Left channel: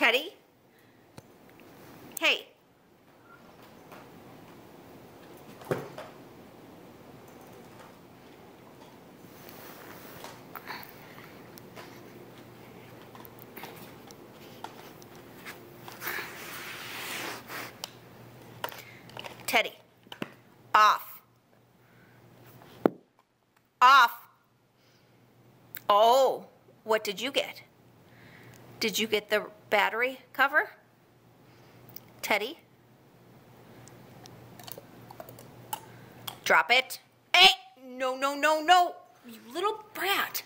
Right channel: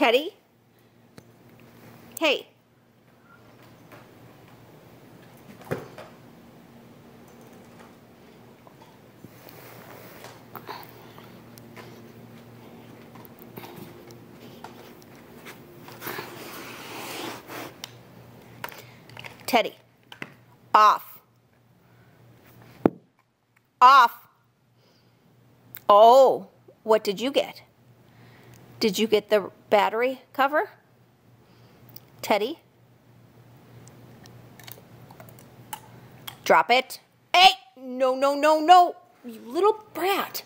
Teddy? Hey. Teddy. Off. Off. Oh, what did you get? Did you get the battery cover? Teddy? Drop it. Hey! No, no, no, no! You little brat.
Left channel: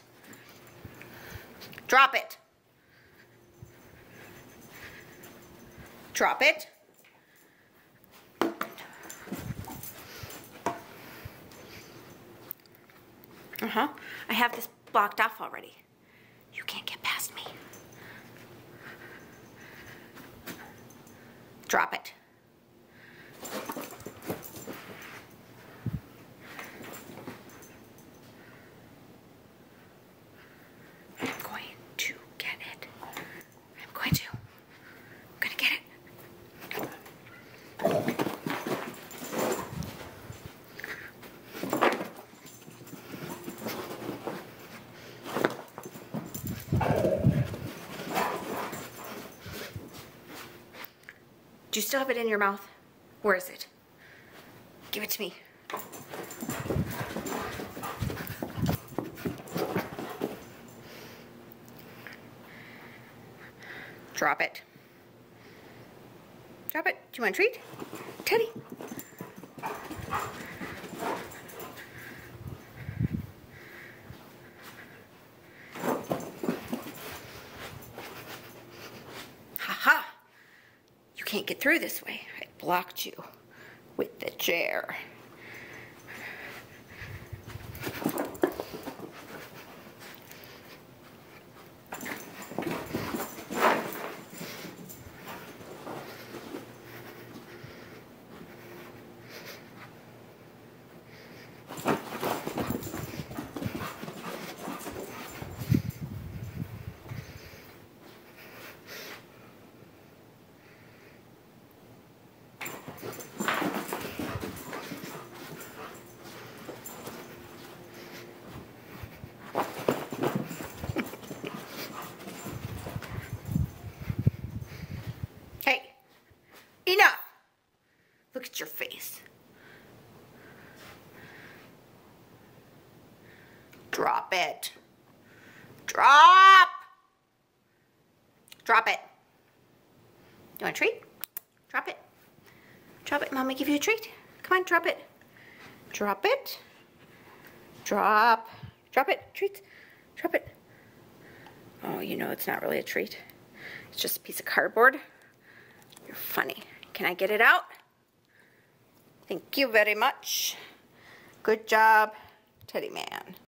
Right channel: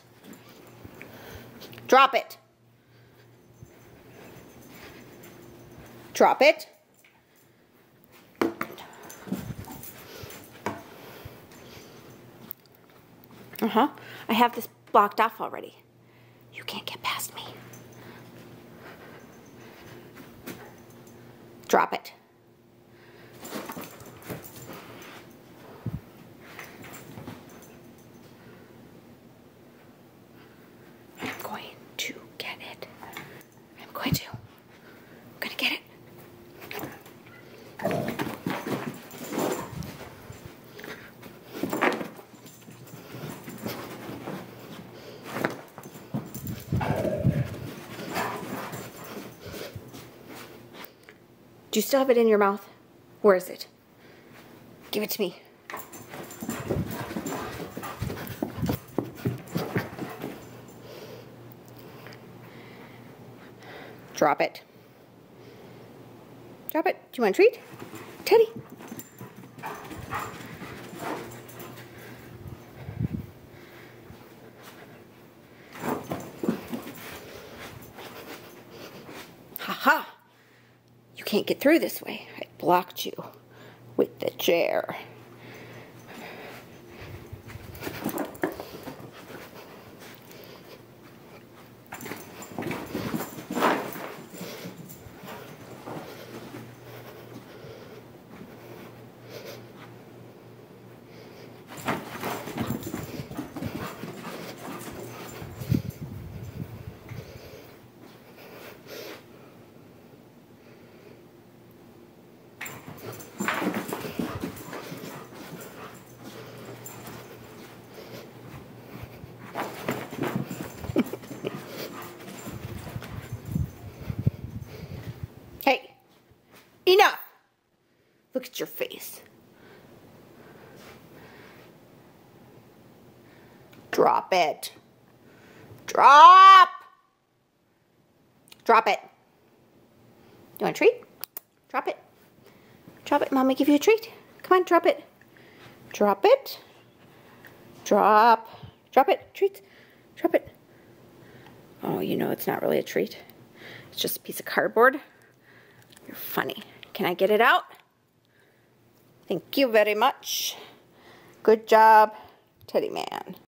Drop it. Drop it. I have this blocked off already. You can't get past me. Drop it. I'm going to get it. I'm going to get it. Do you still have it in your mouth? Where is it? Give it to me. Drop it. Drop it. Do you want a treat? Teddy. Ha-ha. You can't get through this way. I blocked you with the chair. Hey, enough. Look at your face. Drop it. Drop. Drop it. You want a treat? Drop it. Drop it. Mommy, give you a treat. Come on, drop it. Drop it. Drop. Drop it. Treat. Drop it. Oh, you know it's not really a treat. It's just a piece of cardboard. You're funny. Can I get it out? Thank you very much. Good job, Teddy Man.